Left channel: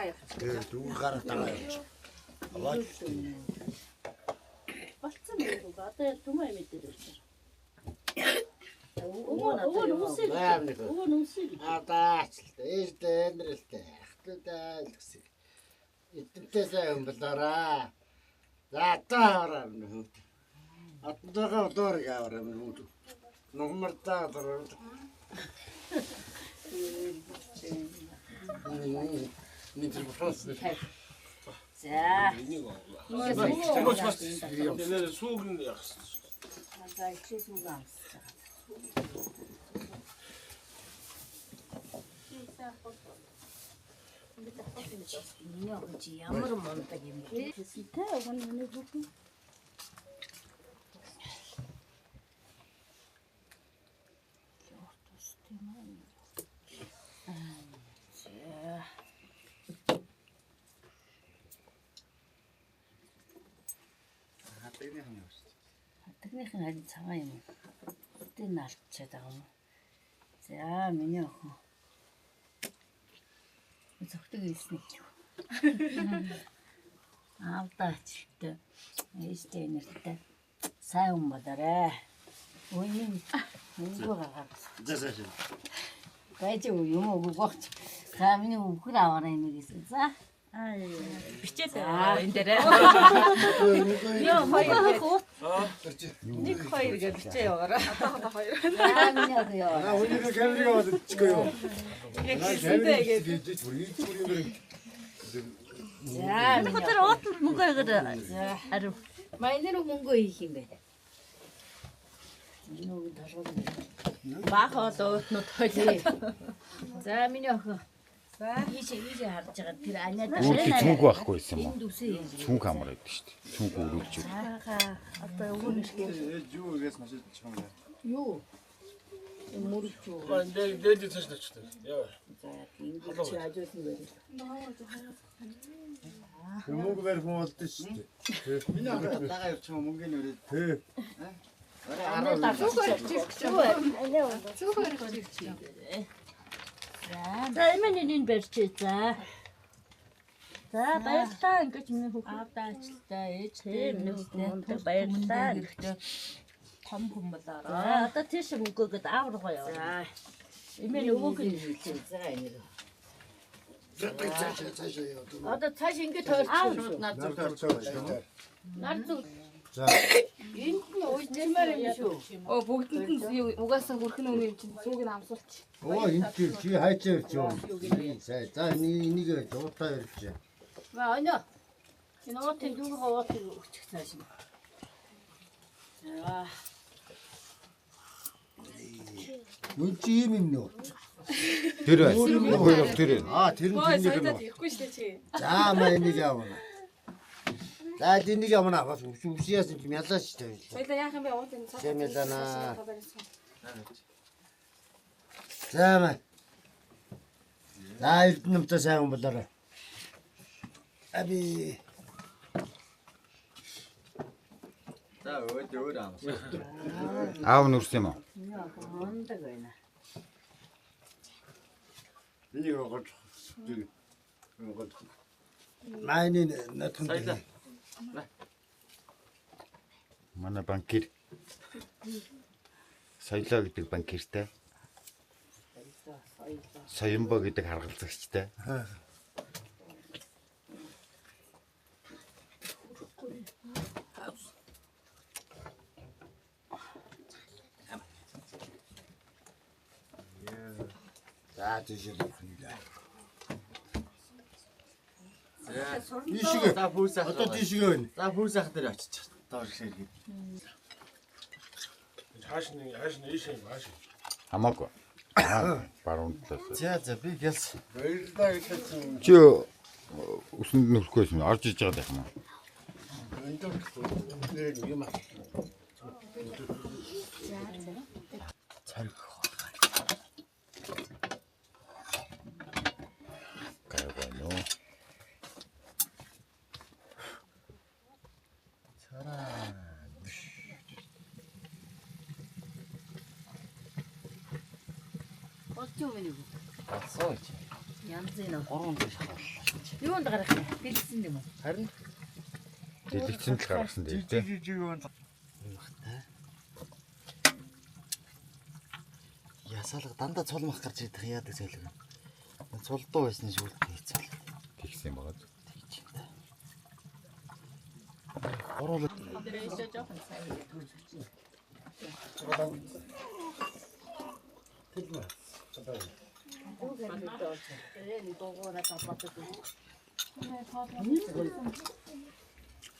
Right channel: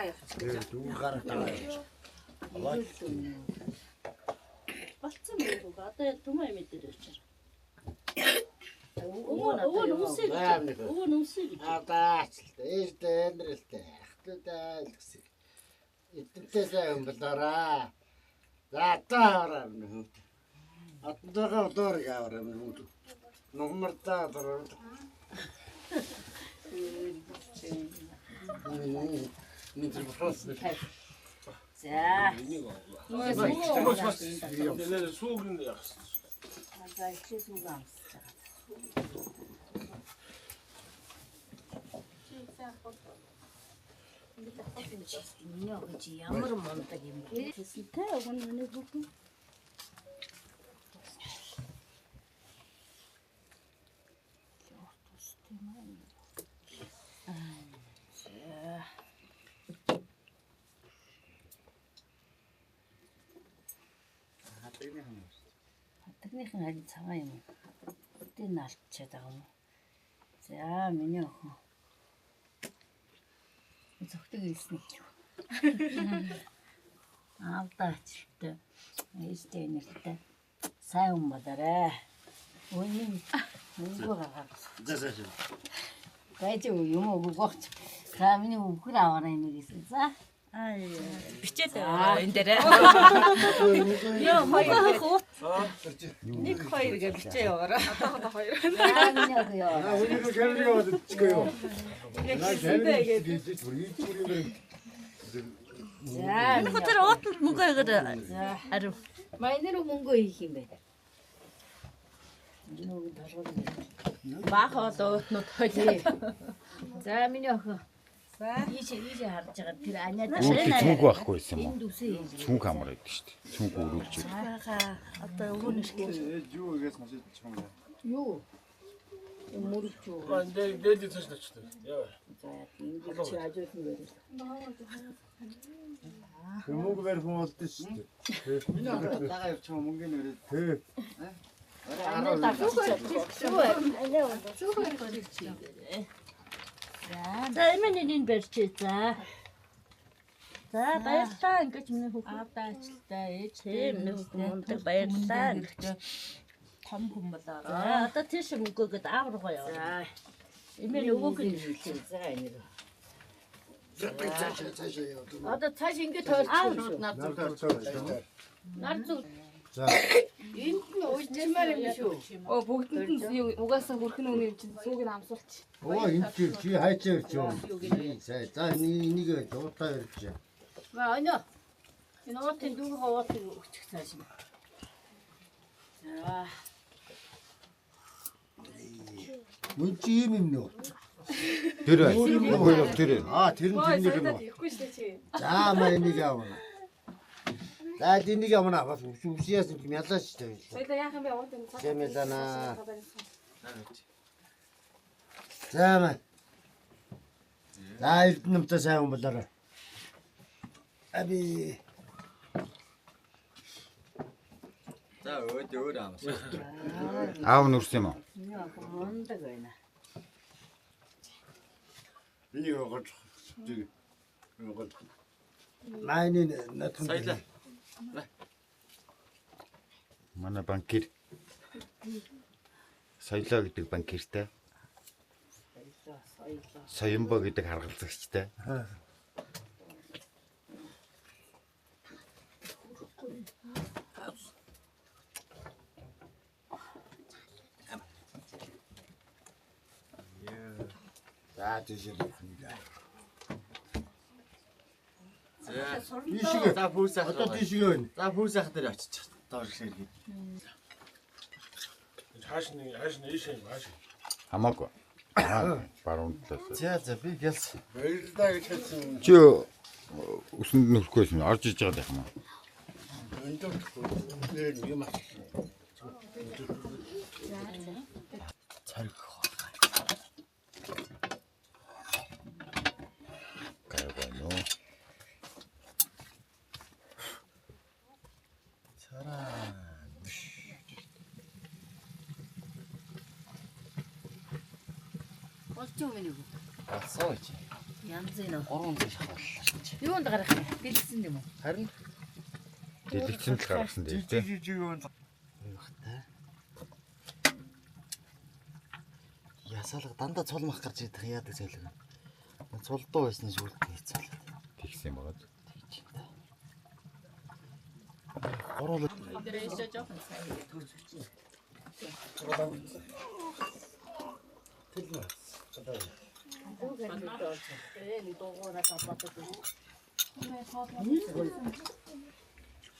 дагаа явчих. Дүүр гараа дагаа явчих. Болцсон юм уу? Одоо түмээ мэдээд очив. Өвөө нүсээ. Адаачлаа. Ээжтэй амьдралтай. Ахтудаа л гэсэн. Эдэнтэйсээ өмблөраа. За таараа нүд. Атнтайгаа удаарыг аваараа нүд. Номертаа дөрөв. Нитэр бохос. За. Нэр сүүгэн яах. За ихээс үг амсаж байгаа. Миний огч ямар мундаг юм бэ? Тэ өгнө бүгд. Хатагныхан харин цагаан юм. Өдөө наалтчаад байгаа юм. За миний охин. Зөвхөн хэлсэн юм. Аавдаачлаа. Ээжтэй нэртэй. Сайн юм болоорой. Өөний гаргаад. За. Байж юм уу гооч. За миний өвгөр аваарай юм гэсэн. За. Бичээд энэ дээр. Нэг хоёр гэж бичээ яваараа. Одоо хоёр. За миний охин яа. Өнөөдөр камерыг аваад иччихөө. За миний Тэр өөд мөнгө өгөөд. За. Харин Майнэр мөнгө хийх юм бэ? Нүг толгой. баах олоотнууд хойлоо. За миний охин. За ийшээ харж байгаа тэр аниада. Өөртөө цүнх байхгүй байсан юм уу? Энд үсээ. Цүнх амар байдаг шүү дээ. Цүнх өрүүлж үү. Одоо өвгөнөшгүй. Юу ирэс машин чамгаа. Юу? Мөрч юу? Дээд цааш начдаг. Яа. За ингэж чи ажуулсан байх. Мөнгө барих юм болдсон шүү дээ. Миний дагаа явчих мөнгөний өрөө. Тий. Аниада За эмэний барьчих за. За баярлалаа ингэж миний хүүхэд Аавдаачлаа ээжтэй нэртэй баярлалаа. Хэрэгтэй том хүн болоорой. одоо тийш мөнгөөгд аав руугаа яваа. Эмээ өвөөгөө хэлчихэ. За энэ. Цаашаа яа. Одоо цааш ингэ тойрчих. Нар зүг. За. Энд нь уулзмаар юм шүү. Бүгдэнд нь угаасаа хүрхэн үний чинь сүүг нь амсуулчих. Оо энэ чи хайчаа ирч юм. За энийг жуутаа ирч. Ва анё. Энэ уутын дүүгээ уутыг өччих цааш юм. За. Үн чи юм нөө. Тэр байна. Хоёр тэр байна. Тэр нь тэрнийг нөө. Ихгүй шүү чи. За маа энийг явна. За энийг явна. Бас үсияас юм ялаач тавь. Соёлоо яах юм бэ? Уутын цаа. Зэмэлана. За маа. За эрдэнэмтэй сайн хүн болоорой. Аби. За өөр амс. Аав нүрс юм уу? Мундаг байна. Миний өгөөд. Майны натхан. Манай банкир. Соёлоо гэдэг банкиртай. Соёмбо гэдэг харгалзагчтай. За тийшээ. За пүүс ах. Одоо тийшээ байна. За пүүс ах дээр очиж доор ширхий. Хааш ийшээ хааш. Хамаагүй. Баруун талаас. За би гэлс. Баярлалаа гэж хэлсэн. Чи өсөнд нүрхгүйс нь орж иж байгаа юм аа. Энд юм аа. Цариг. Гайвано. Болцсон юм уу? Асууж. янзын 3 юунд гарах юм? Бэлдсэн юм уу? Харин Дэлгэцэн л гаргасан дээр тий. Ясаалга дандаа цулмах гарч идэх яадаг зайлг. Цулдуу байсны шүүлтээ хийцэл. Тэгсэн байгаа. Орол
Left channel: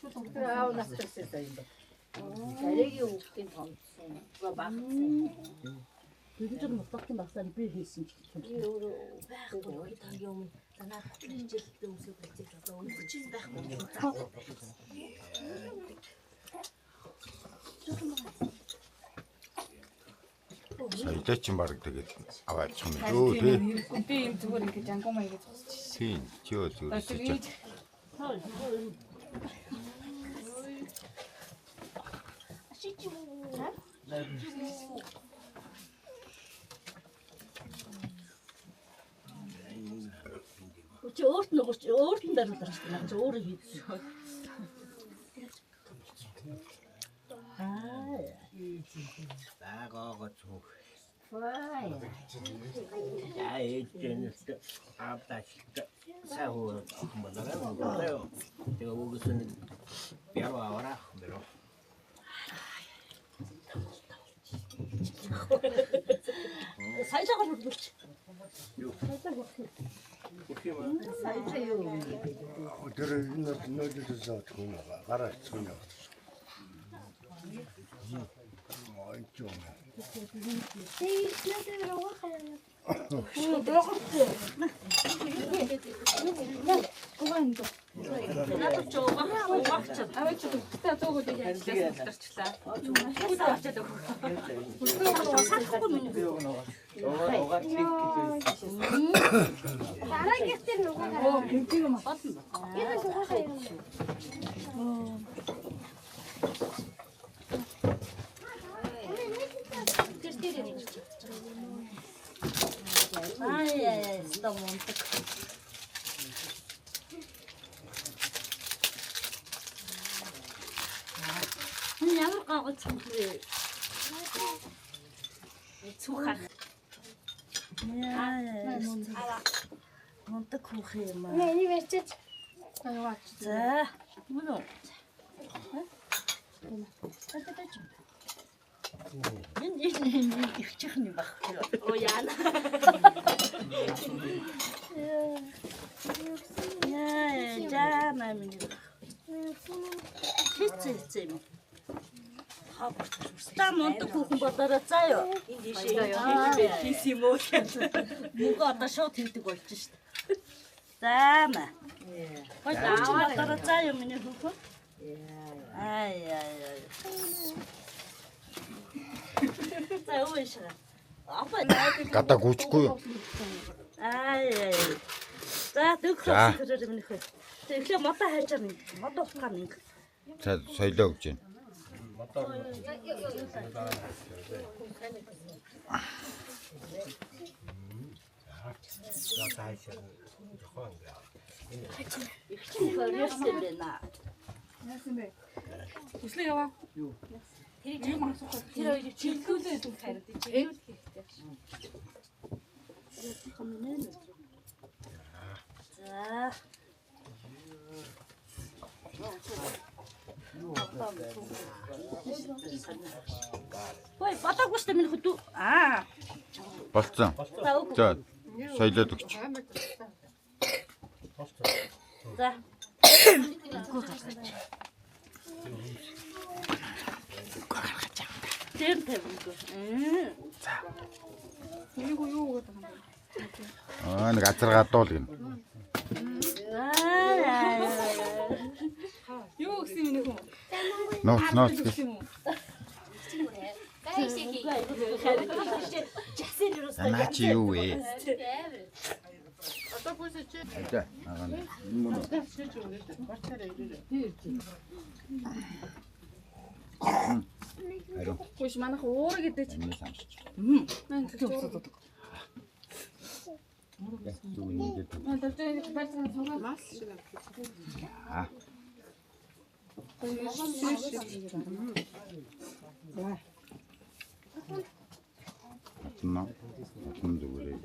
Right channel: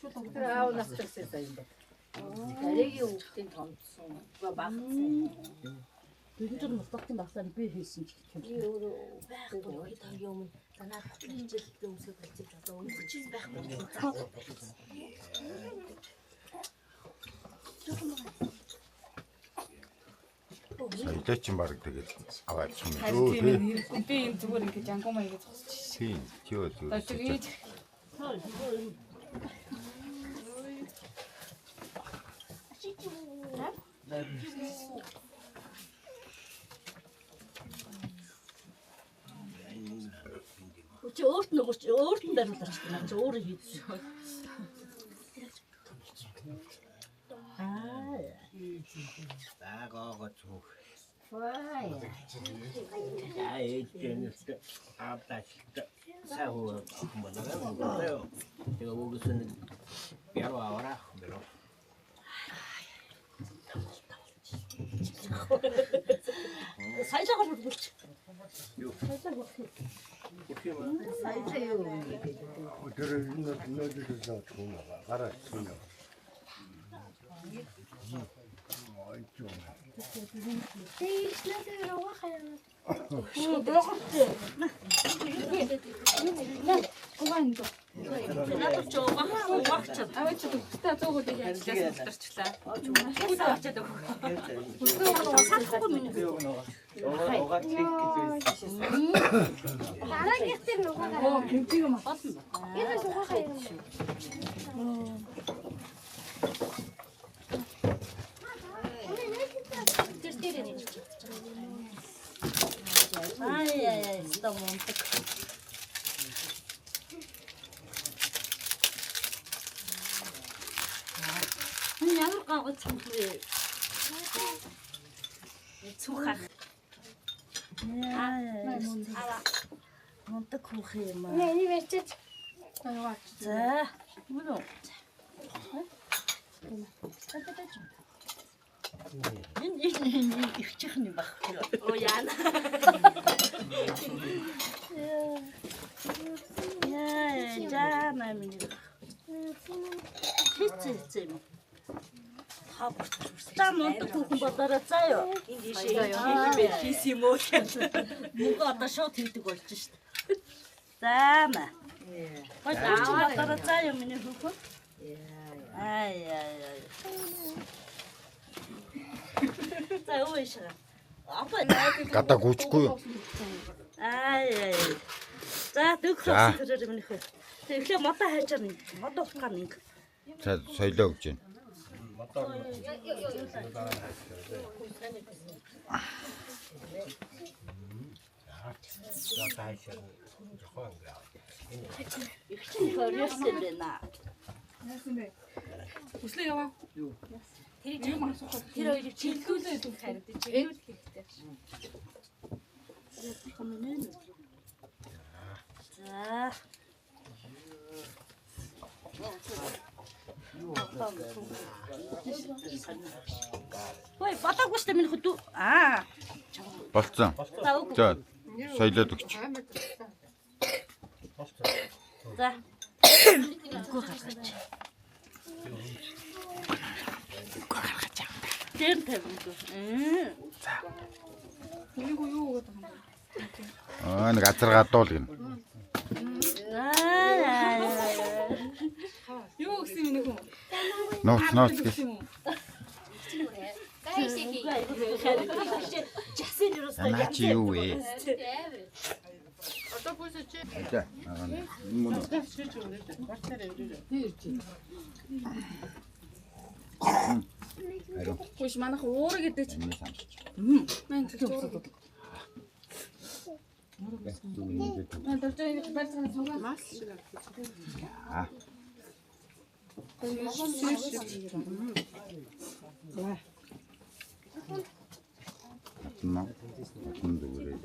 Аавнаас чирсэн юм ба. Дараагийн хүүхдийн томцсон. Багцсан. Бүгд мутагтын багцаар би хийсэн ч гэх юм. Өөрөө байхгүй тань юм. Танаа хичээлтэй өмсөж болчих одоо өмсөж байхгүй. Саядач юм баг тэгээд аваад юм дөө тий. Би энэ зүгээр ингэ жангамаа ингэж зогсчих. Тийм чөө. Чи өөрт нь даруулах шүү дээ. Чи өөрөө хийсэн. Байгаагаа зүг. Ja, ээлжнээс аавдаачлалт сайн хөө болоо. Тэгээ өгсөн бяр аваараа бэрөө. Сайжаагаар бүрдүүлж. Юу. Сайжаа юу юм бэ? тэр нөөдөөс зовчихгүй гараа цуна. Ой чоо. Надад ч угаахаа угаагчаад. Та зөөгөө яг ажилласан тарчлаа. Ай, está monta. Ямар гагц юм бэ? Цухах. Яа, монта кух юм аа. Nee, die werd het. За, мөн үү? Энэ их чихний багхгүй. Оо яа. Яа, жаа минь. Хитцээ юм. Та монта кухн бодороо заа юу. Хийсэн юм уу? Мөнгө одоо шууд хийдэг болж шít. За маа. Гой дөрч бодороо заа юу миний хүүхэн. Ай. За уушаа. Апа Гадаа гүйчихгүй юу? ай. За дөхөж төрөөр минь хөө. Тэгэхээр мото хайчаар нэг мото ухаан нэг. За соёлоо өгч байна. Хөрөөсөө байна. Хүслээ яваа. Тэр хоёрыг чиглүүлээ гэдэг хараад чиглүүл хэрэгтэй. За. Ой, батаггүй шүү дээ минь хөдөө. Аа. Болцсон. За соёлоод өгч. За. Тэр тавьгүй. За. Нэг азар гадуул гин. Юу гэсэн юм бэ? Нууц гэх. Наа чи юу вэ? За. Ариу. Хөөш манайх уураг гэдэг чи. Энэ самсч. Мэн зөв. 맞나? 맞는데 그래.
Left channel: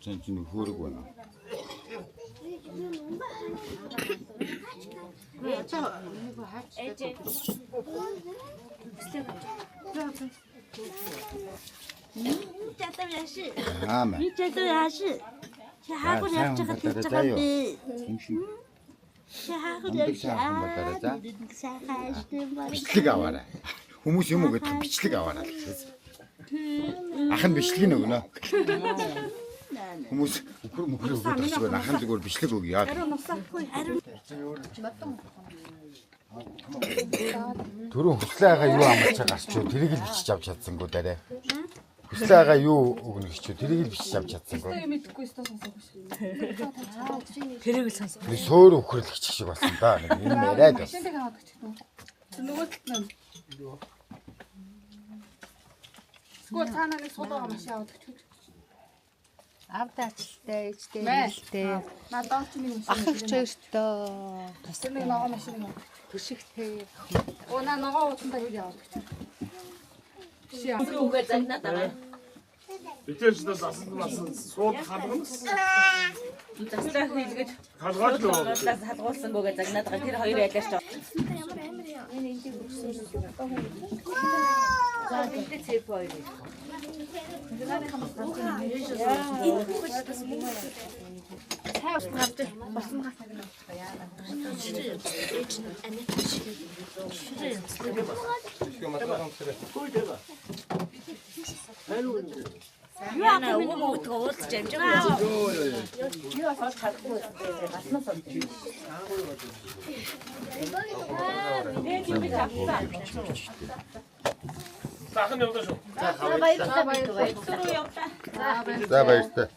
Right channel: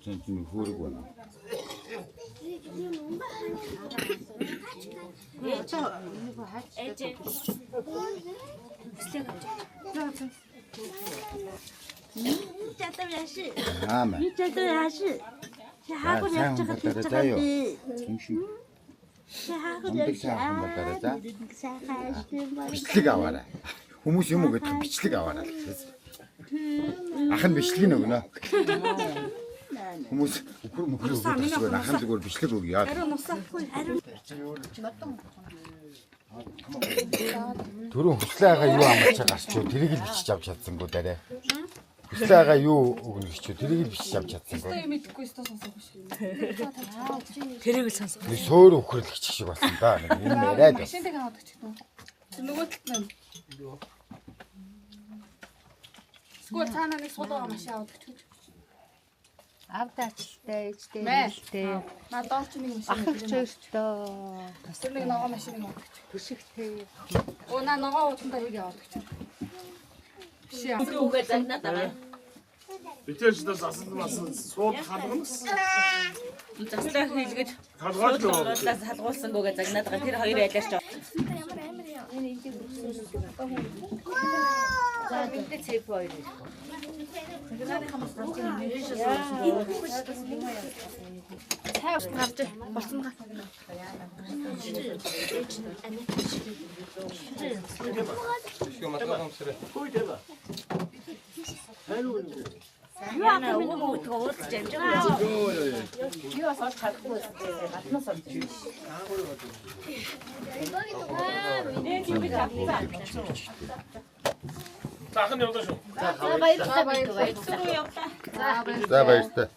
전 지금 흐르구나. 아마. 자, 사용 갖다가 짜요. 중심. 엄득사 한번 따라자. 비틀가 와라. 후무시 먹어 다 비틀가 와라. 아한 비틀기는 구나. 후무시 우크로 무크로 다시고 나한 두고 비틀고기야. 둘은 후사가 요 아무차 가서 드리길 비치 잡혔던 거 때래. 후사가 요 오늘 비치 드리길 비치 잡혔던 거. 우리 서울 우크로 비치고 왔습니다. 이메라도. Авдаачльтай, ичтэй, нээлттэй. Ахлагч өстой. Тэсний ногоо машин мөн. Төшигтэй. Оо ногоо утсан дээр яваад. Үгээр загнаад. Битэж дасан сууд халуун. Заслаа хийлгэж Халгаач юу? салгуулсан гоогээ загнаад байгаа. Тэр хоёр айлаач. За гэдэг цэп хоёр. Яна уу тоолж амжаа. Сахан явдаа шүү. 자, 맛있다.